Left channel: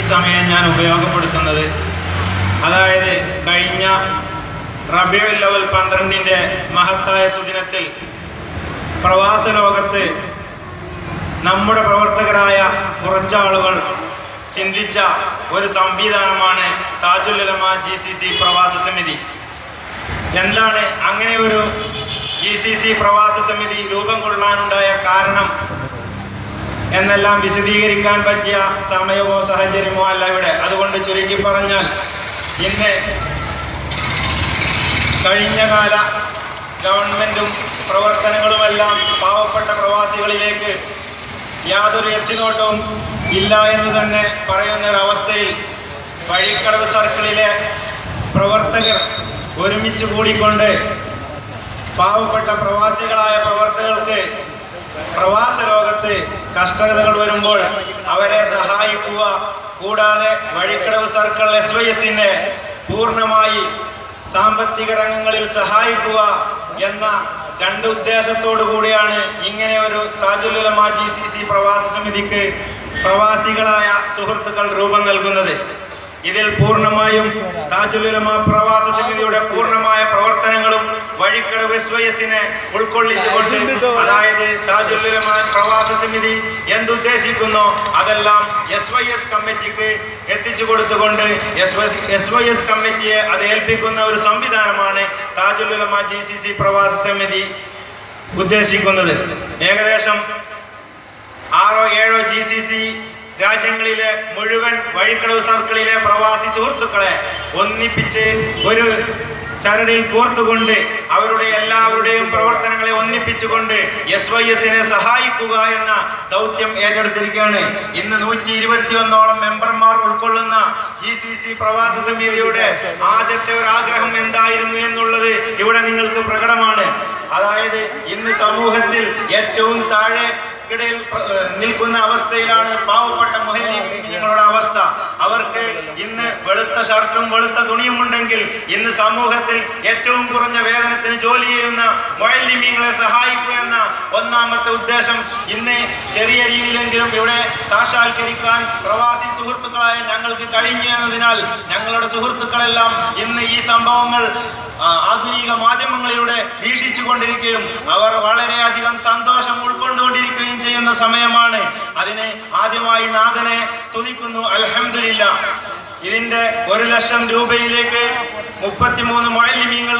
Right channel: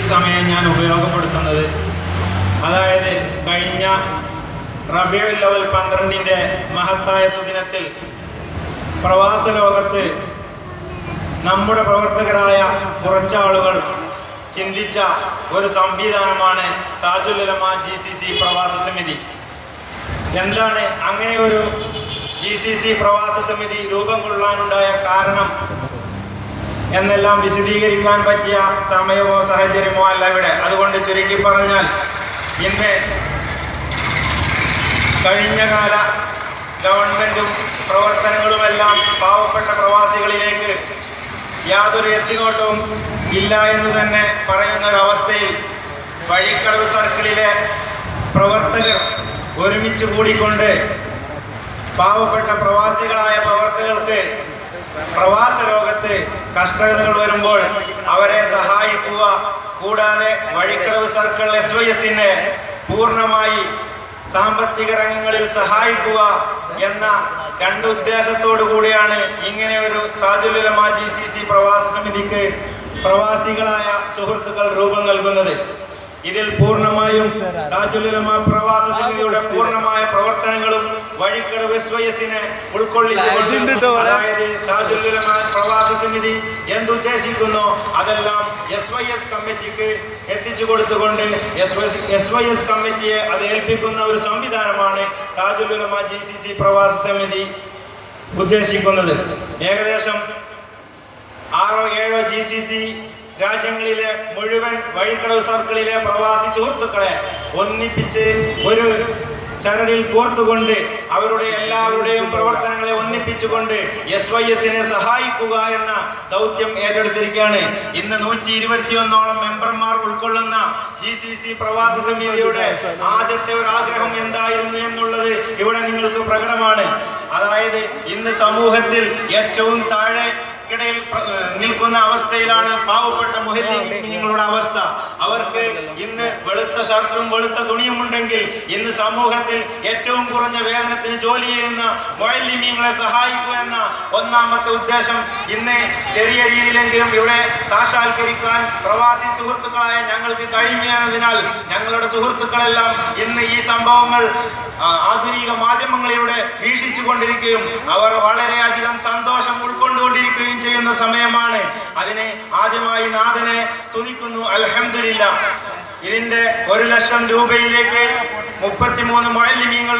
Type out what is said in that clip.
ഈ സമയം ഞാൻ ഉപയോഗപ്പെടുത്തുന്നത്. അതായത് കഴിഞ്ഞ റബീഉൽ അവ്വൽ 12-ന്റെ മഹത്തായ സുദിനത്തിൽ പ്രവാസ ലോകത്ത് നമ്മുടെ പ്രവർത്തകരായ കുറച്ചാളുകൾ ചിന്തിച്ച ഒരു സംവിധാനമാണ് താജുൽ ഉലമ GCC പ്രവാസ സമിതി. എന്താണ് അങ്ങനെ ഒരു GCC പ്രവാസ സമിതി രൂപം കൊള്ളാനുണ്ടായ കാരണം എന്നെല്ലാം വിശദീകരിക്കാൻ പറ്റിയ സമയമോ സാഹചര്യമോ അല്ല ഇവിടെ. അതുകൊണ്ട് ചുരുക്കി പറഞ്ഞാൽ, ഇന്ന് കഴിഞ്ഞകാല ഗവൺമെൻറ്റും പ്രവർത്തനങ്ങളുമെല്ലാം പാവപ്പെട്ട പ്രവാസികളിലേക്ക് യാതൊരു എത്തിനോട്ടവും ഇല്ല എന്ന് തന്നെ പറയുന്നൊരവസ്ഥയിൽ വഴിക്കടവ് സർക്കിളിലെ പ്രവർത്തകർ ഒരുമിച്ച് കൂടിക്കൊണ്ട് പാവപ്പെട്ട പ്രവാസികളായ പ്രവർത്തകർക്ക് പ്രവാസ ലോകത്ത് കഷ്ടതകൾ വരുമ്പോൾ അവരെ സഹായിക്കുക, കൂടാതെ വഴിക്കടവ് സർക്കിൾ SYS-നെ പൂർണ്ണമായി സാമ്പത്തിക രംഗങ്ങളിൽ സഹായിക്കുക എന്ന രണ്ട് ഉദ്ദേശത്തോടു കൂടിയാണ് ഇങ്ങനെ ഒരു താജുൽ ഉലമ GCC പ്രവാസ സമിതിക്ക് പ്രവാസികളായ സുഹൃത്തുക്കൾ രൂപം നൽകുന്നത്. ഇതിൽ പൂർണ്ണമായും താജുൽ ഉലമ പ്രവാസ സമിതിയുടെ പൂർണ്ണമായ പ്രവർത്തനങ്ങളും വഴിക്കടവ് SYS-നെ ഉൾക്കൊള്ളിച്ചുകൊണ്ട്, അതായത് താജുൽ ഉലമ പ്രവാസ സമിതി എന്തുദ്ദേശിക്കുന്നോ അതെല്ലാം SYS കമ്മിറ്റിക്ക് എത്തിച്ചു കൊടുത്തുകൊണ്ട് SYS കമ്മിറ്റിയെ അത് ഏൽപ്പിക്കുന്ന ഒരു സംവിധാനമാണ് താജുൽ ഉലമ GCC പ്രവാസ സമിതി ഉദ്ദേശിക്കുന്നത്. ഏകദേശം 6-7 GCC രാജ്യങ്ങളിലെ മുഴുവൻ വഴിക്കടവ് സർക്കിളിലെ പ്രവാസി സുഹൃത്തുക്കളെ ഒന്നിപ്പിച്ച് ഒരു ചരടിൽ കോർത്തുകൊണ്ട് അവരുടെ എല്ലാവരുടെയും പ്രവർത്തനങ്ങളെ ഒന്നിപ്പിച്ചുകൊണ്ട് SYS-നെ സഹായിക്കുക എന്ന ദൗത്യം ഏറ്റെടുത്തിരിക്കുകയാണ്. ഇന്ന് 121ഓളം മെമ്പർമാർ ഉൾക്കൊള്ളുന്ന GCC പ്രവാസ സമിതിയുടെ ആദ്യത്തെ ഒരു ആഗ്രഹം എന്തായിരുന്നു എന്നുള്ളത് ഇവിടെ നിങ്ങൾക്ക് പ്രകടമാണ്. അതായത് ഇന്ന് സമൂഹത്തിൽ ഏറ്റവും താഴെ ിടയിൽ നിൽക്കുന്ന അവസ്ഥയിലാണ് പാവപ്പെട്ട മുഹല്ലിങ്ങളുടെ അവസ്ഥ. അവർക്ക് ഇന്ന് വെളുത്ത ഷർട്ടും വെളുത്ത തുണിയും ഉണ്ടെങ്കിൽ ഇന്ന് സമൂഹത്തിൽ ഏറ്റവും കുറഞ്ഞ വേതനത്തിന് ജോലി ചെയ്യുന്ന മുഅല്ലിമീങ്ങളെ സഹായിക്കുക എന്ന ഒന്നാമത്തെ ഉദ്ദേശം ഇന്ന് ചെറിയ രീതിയിലെങ്കിലും ഇവിടെ സാക്ഷാത്കരിക്കാൻ പ്രവാസി സുഹൃത്തുക്കളായ ഞങ്ങൾക്ക് കഴിഞ്ഞു എന്നതിനാൽ ഞങ്ങളുടെ സുഹൃത്തുക്കളെല്ലാം ഇന്ന് ഈ സംഭവങ്ങൾ ആധുനിക മാധ്യമങ്ങളിലൂടെ വീക്ഷിച്ചു കൊണ്ടിരിക്കുകയും അവർ വളരെയധികം സന്തോഷം ഉൾക്കൊണ്ടുകൊണ്ടിരിക്കുകയും ചെയ്യുന്ന സമയമാണ്. അതിന് ആദ്യമായി നാഥനെ സ്തുതിക്കുന്നു. അൽഹംദുലില്ലാഹ്. ഇതിന്റെ 1 ലക്ഷം രൂപയിലേക്ക് 33 മുഅല്ലിമീങ്ങൾ